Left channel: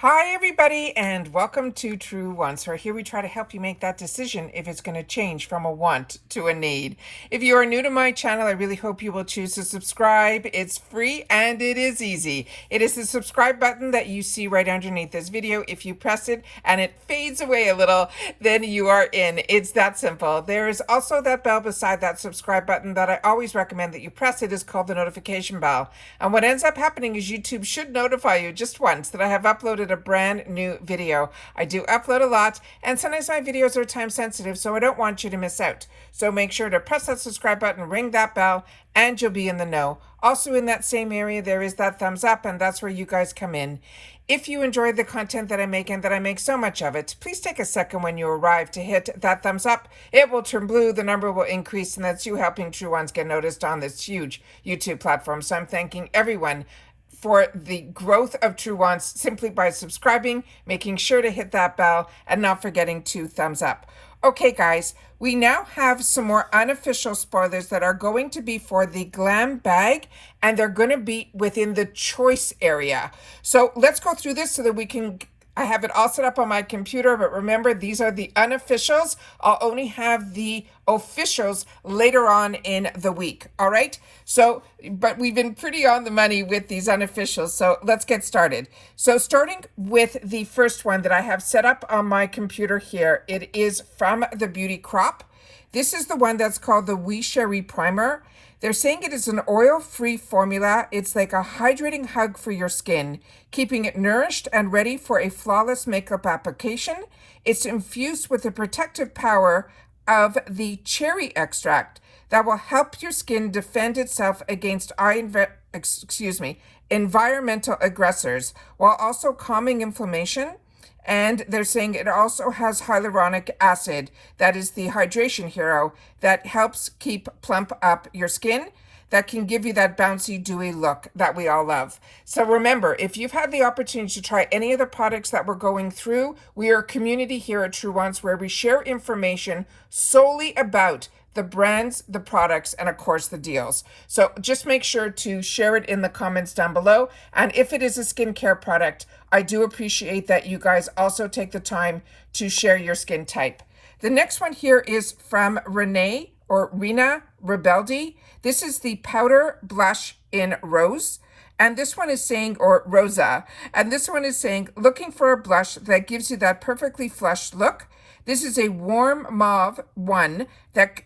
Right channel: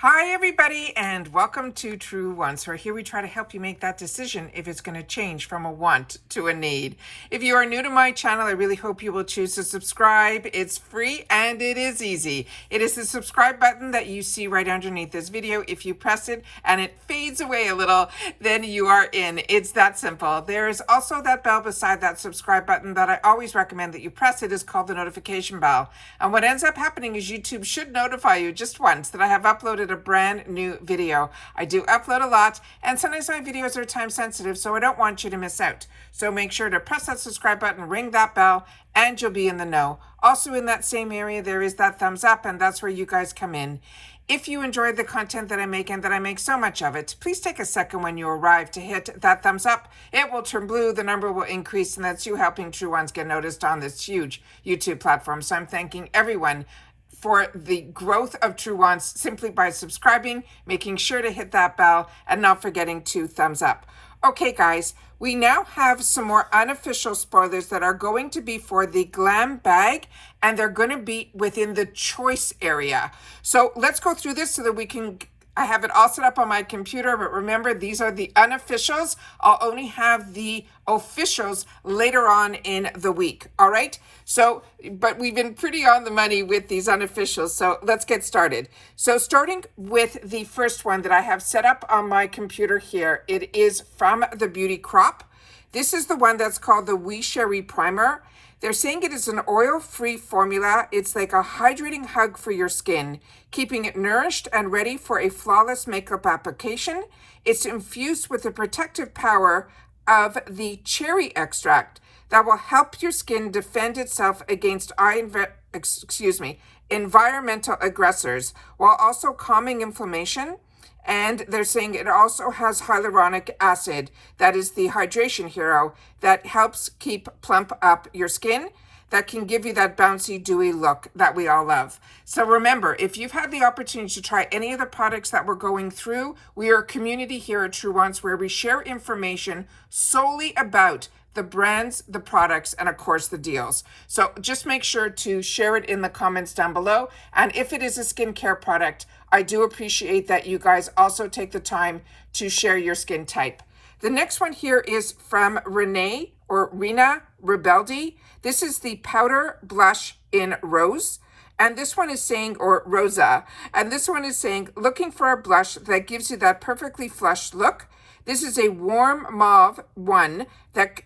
Hi everybody and welcome to True Wants, where here we try to help you make that decision if it's going to change from a want to a need. If you are new to my channel, I really hope you will choose to subscribe. It's free and it is easy. It is the subscribe button that you see right underneath this video. If you press it and it fades away a little, then you are in. It's that simple. There is also that bell beside that subscribe button that I always recommend that you press. It is called the notification bell. And what ends up happening is YouTube should notify you just once that I have uploaded a brand new video. I do upload a lot, and sometimes my videos are time sensitive, so I don't want you to miss out. So make sure to press that subscribe button, ring that bell, and you'll be in the know. Also in that same area, there is that thumbs up, and that's where you guys come in. If you enjoy the content that I make and that I make so much of it, please take a second when you arrive to hit that thumbs up. It will turn blue, the number will increase, and that's you helping True Ones get noticed on this huge YouTube platform. So I'm thanking everyone for the growth of True Wants simply by subscribing, making sure to hit that bell, and not forgetting to thumbs up. Okay, guys, we now have some more unofficial spoilers that are going to be for the GlamBag, and they're going to be within the choice area. So let's go through this so that we can... I have it all set up on my computer, but remember, these are the unofficials. I'll only have the officials later on in the week, all right? So, but we've been pretty on the money with these unofficials, so let's get started. So starting with the first one that I have set up on my computer here, it is from the Beauty Crop. This is the one that's called the Wee Sherry Primer. They're saying it is an oil-free formula. It's like a hydrating hug for your skin, keeping it nourished and ready for a flawless makeup application. It's infused with the protective power of the cherry extract that will help your skin defend itself against environmental aggressors, while also calming inflammation. And they're saying it also has hyaluronic acid, that is the hydration hero, that helps plump up your skin, that can give you that bouncy, dewy look that we all love. So remember, if you've had the opportunity to try any of the products that we're going through, we are a community here at True Wants where we share information solely about the brands, the products, and of course the deals. So just make sure to share it in the comments down below. And if it is a skincare product, I do appreciate that you guys also take the time to share your skin type. The next one here is from Reena Rebeldi. This is the powder blush in rose. And this one is saying, or Rosa, and this one is saying, looking for a blush that gives you that perfectly flushed look. This is a warm mauve one that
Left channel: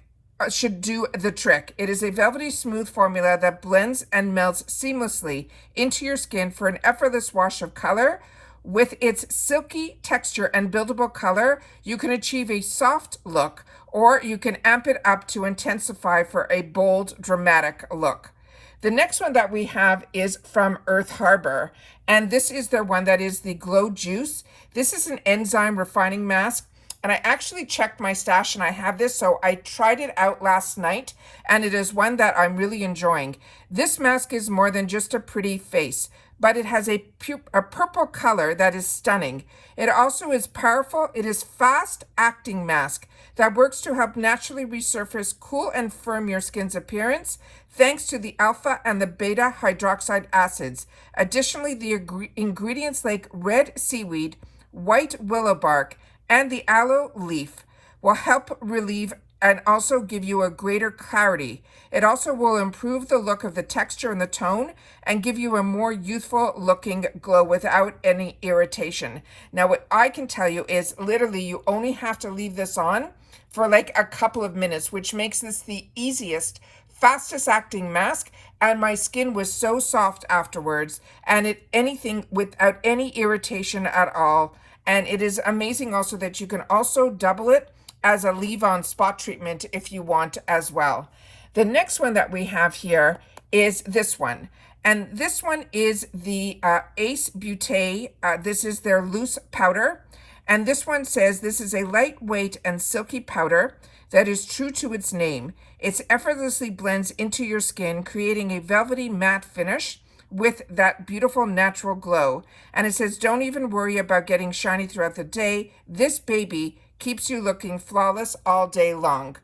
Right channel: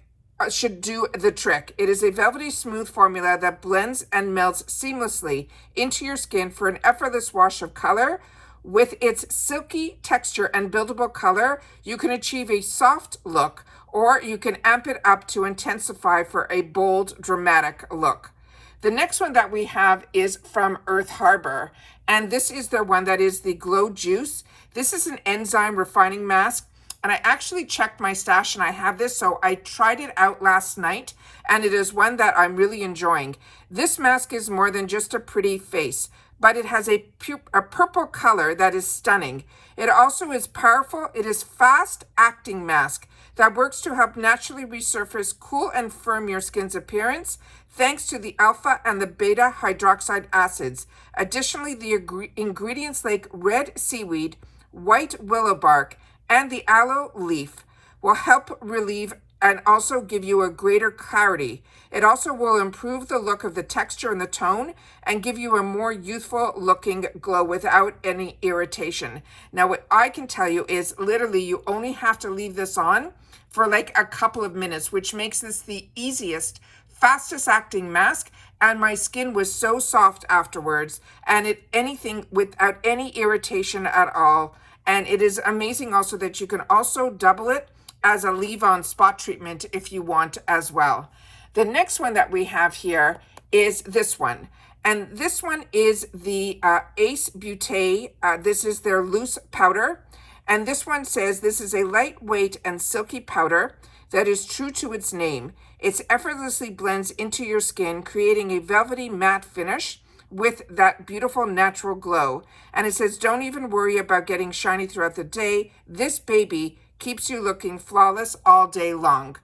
should do the trick. It is a velvety smooth formula that blends and melts seamlessly into your skin for an effortless wash of color. With its silky texture and buildable color, you can achieve a soft look, or you can amp it up to intensify for a bold, dramatic look. The next one that we have is from Earth Harbor, and this is their one that is the Glow Juice. This is an enzyme refining mask. And I actually checked my stash and I have this, so I tried it out last night, and it is one that I'm really enjoying. This mask is more than just a pretty face, but it has a purple color that is stunning. It also is powerful. It is fast-acting mask that works to help naturally resurface, cool, and firm your skin's appearance, thanks to the alpha and the beta hydroxide acids. Additionally, the ingredients like red seaweed, white willow bark, and the aloe leaf will help relieve and also give you a greater clarity. It also will improve the look of the texture and the tone and give you a more youthful looking glow without any irritation. Now, what I can tell you is literally you only have to leave this on for like a couple of minutes, which makes this the easiest, fastest acting mask. And my skin was so soft afterwards, and anything without any irritation at all. And it is amazing also that you can also double it as a leave-on spot treatment if you want as well. The next one that we have here is this one. And this one is the Ace Beauté. This is their loose powder. And this one says this is a lightweight and silky powder that is true to its name. It effortlessly blends into your skin, creating a velvety matte finish with that beautiful natural glow. And it says, don't even worry about getting shiny throughout the day. This baby keeps you looking flawless all day long.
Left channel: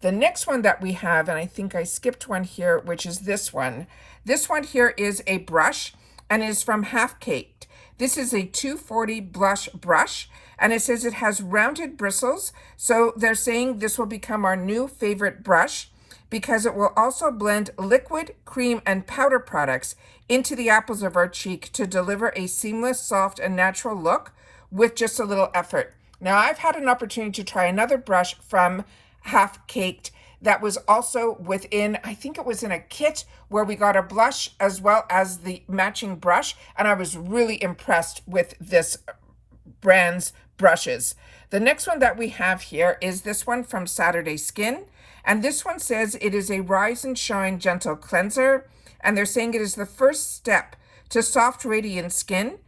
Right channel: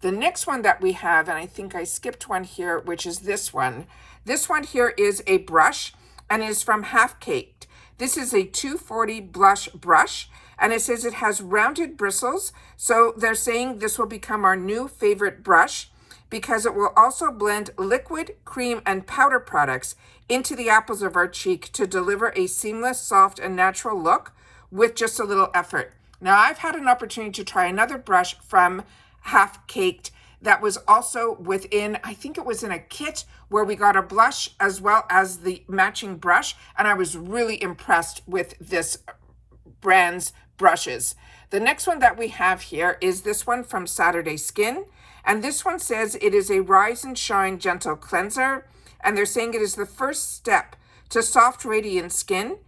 The next one that we have, and I think I skipped one here, which is this one. This one here is a brush, and it is from Halfcak. This is a 240 blush brush, and it says it has rounded bristles. So they're saying this will become our new favorite brush because it will also blend liquid, cream, and powder products into the apples of our cheek to deliver a seamless, soft, and natural look with just a little effort. Now, I've had an opportunity to try another brush from Halfcak that was also within, I think it was in a kit where we got a blush as well as the matching brush, and I was really impressed with this brand's brushes. The next one that we have here is this one from Saturday Skin, and this one says it is a Rise and Shine Gentle Cleanser, and they're saying it is the first step to soft, radiant skin.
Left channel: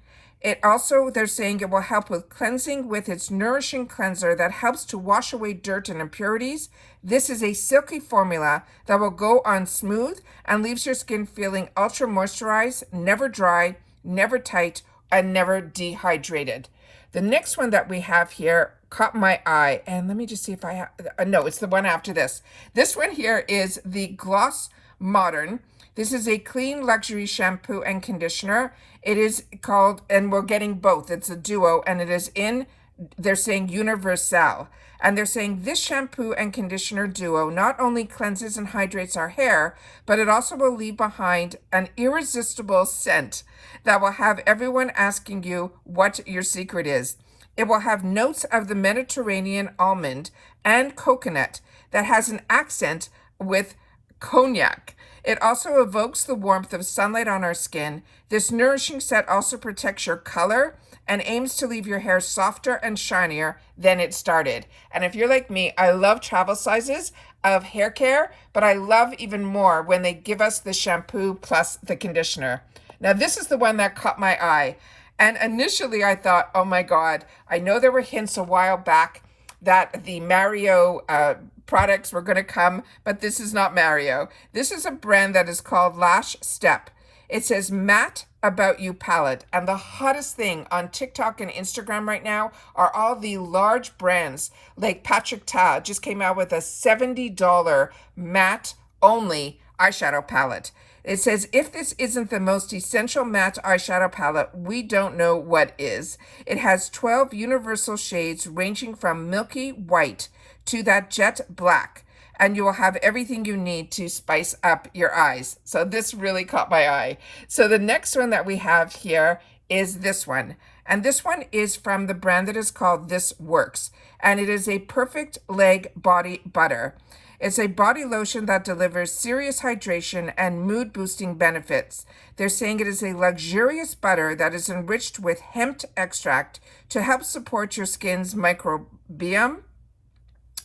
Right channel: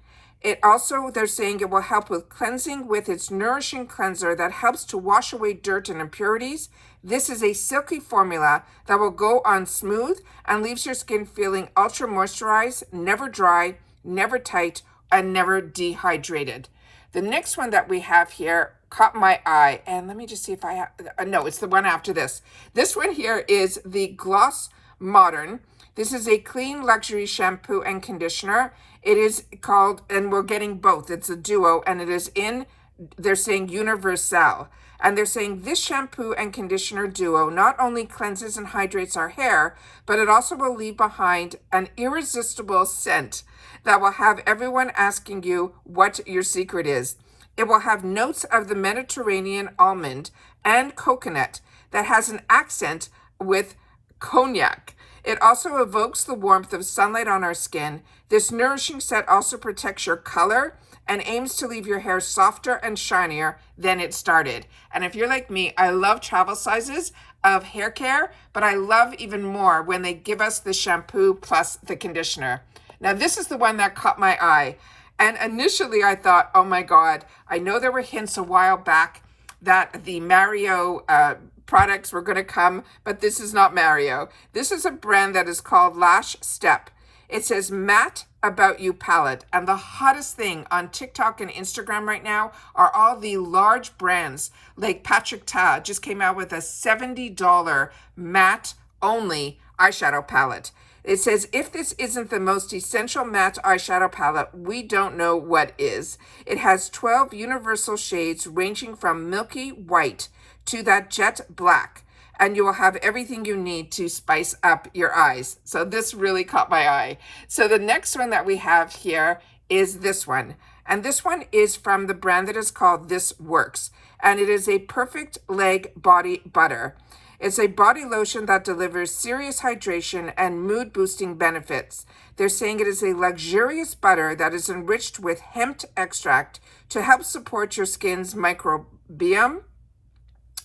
It also, they're saying it will help with cleansing with its nourishing cleanser that helps to wash away dirt and impurities. This is a silky formula that will go on smooth and leaves your skin feeling ultra moisturized, never dry, never tight, and never dehydrated. The next one that we have here caught my eye, and let me just see if I have, no, it's the one after this. This one here is the Gloss Modern. This is a clean luxury shampoo and conditioner. It is called, and we're getting both, it's a duo, and it is in, they're saying Universal. And they're saying this shampoo and conditioner duo not only cleanses and hydrates our hair, but it also will leave behind an irresistible scent that will have everyone asking you what your secret is. It will have notes of the Mediterranean almond and coconut that has an accent with cognac. It also evokes the warmth of sunlight on our skin. This nourishing set also protects your color and aims to leave your hair softer and shinier than it started. And if you're like me, I love travel sizes of hair care, but I love even more when they give us the shampoo plus the conditioner. Now, this is the one that caught my eye. And initially I thought, oh my God, I know there were hints a while back that the Mario products were going to come, but this is not Mario. This is a brand that is called Lash Step. It says matte about you palette, and the hottest thing on TikTok and Instagram right now are all the large brands like Patrick Ta just came out with a $70 matte only eyeshadow palette. It says, if this isn't the most essential matte eyeshadow palette, we don't know what is. It has 12 universal shades ranging from milky white to that jet black, and you will have everything you need to spice up your eyes. So this really caught my eye. So the next one that we have here is this one. And this one is from the brand that is called This Works. And it is a perfect leg body butter. It's a body lotion that delivers serious hydration and mood boosting benefits. They're saying it is a luxurious butter that is enriched with hemp extract to help support your skin's microbiome.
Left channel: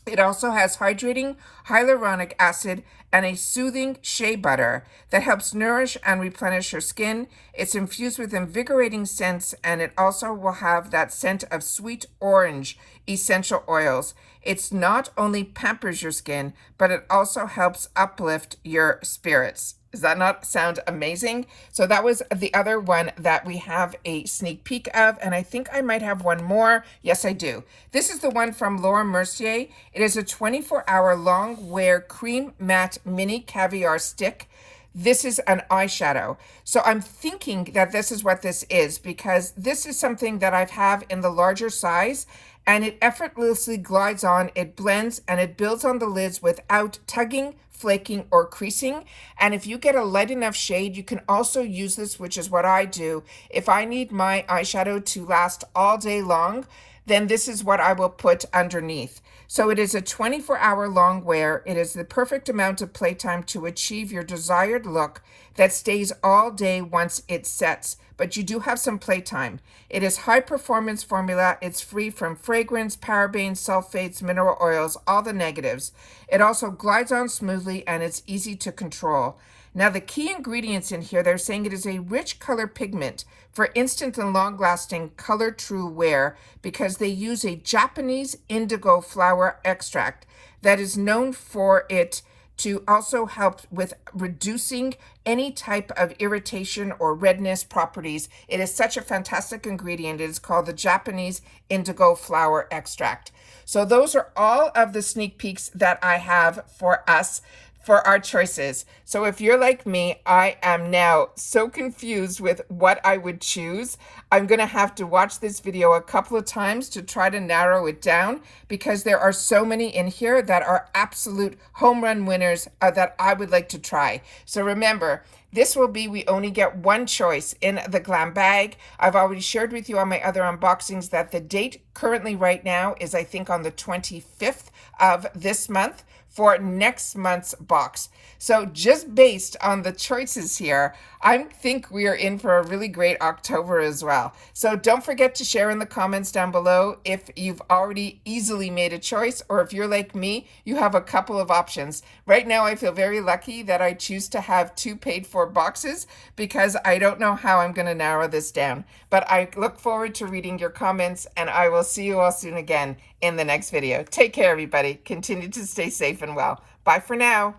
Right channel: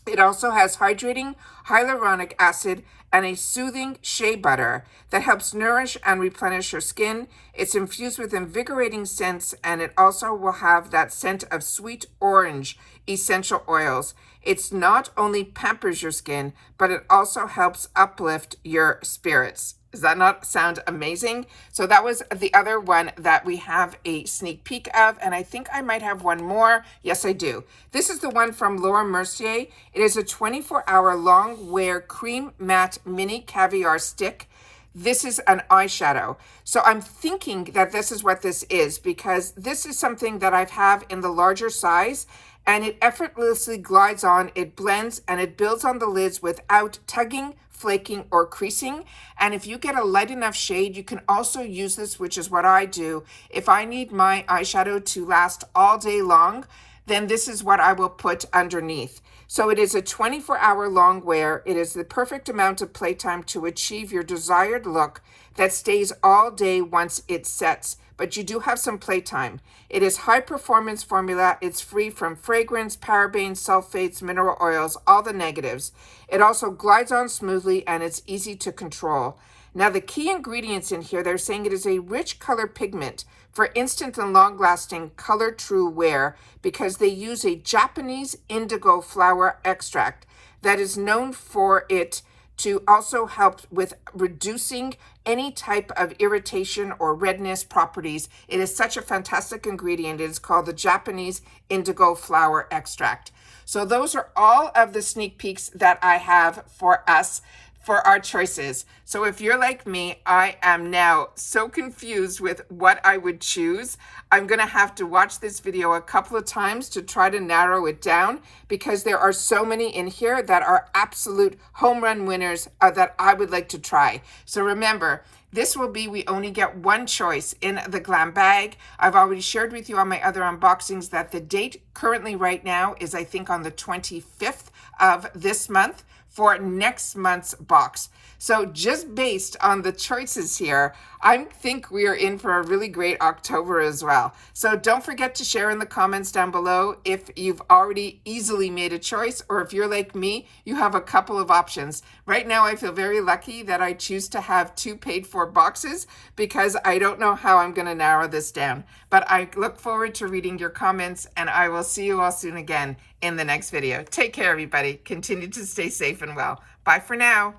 It also has hydrating hyaluronic acid and a soothing shea butter that helps nourish and replenish your skin. It's infused with invigorating scents, and it also will have that scent of sweet orange essential oils. It's not only pampers your skin, but it also helps uplift your spirits. Does that not sound amazing? So that was the other one that we have a sneak peek of, and I think I might have one more. Yes, I do. This is the one from Laura Mercier. It is a 24-hour long wear cream matte mini caviar stick. This is an eyeshadow. So I'm thinking that this is what this is, because this is something that I have in the larger size, and it effortlessly glides on, it blends, and it builds on the lids without tugging, flaking, or creasing. And if you get a light enough shade, you can also use this, which is what I do. If I need my eyeshadow to last all day long, then this is what I will put underneath. So it is a 24-hour long wear. It is the perfect amount of playtime to achieve your desired look that stays all day once it sets, but you do have some playtime. It is high performance formula. It's free from fragrance, parabens, sulfates, mineral oils, all the negatives. It also glides on smoothly, and it's easy to control. Now, the key ingredients in here, they're saying it is a rich color pigment for instant and long-lasting color true wear, because they use a Japanese indigo flower extract that is known for it to also help with reducing any type of irritation or redness properties. It is such a fantastic ingredient. It is called the Japanese indigo flower extract. So those are all of the sneak peeks that I have for us for our choices. So if you're like me, I am now so confused with what I would choose. I'm going to have to watch this video a couple of times to try to narrow it down because there are so many in here that are absolute home run winners that I would like to try. So remember, this will be, we only get one choice in the GlamBag. I've already shared with you on my other unboxings that the date currently right now is, I think, on the 25th of this month for next month's box. So just based on the choices here, I think we are in for a really great October as well. So don't forget to share in the comments down below if you've already easily made a choice, or if you're like me, you have a couple of options. Right now, I feel very lucky that I choose to have 2 paid for boxes because I don't know how I'm going to narrow this down. But I look forward to reading your comments, and I will see you all soon again in the next video. Take care, everybody. Continue to stay safe and well. Bye for now.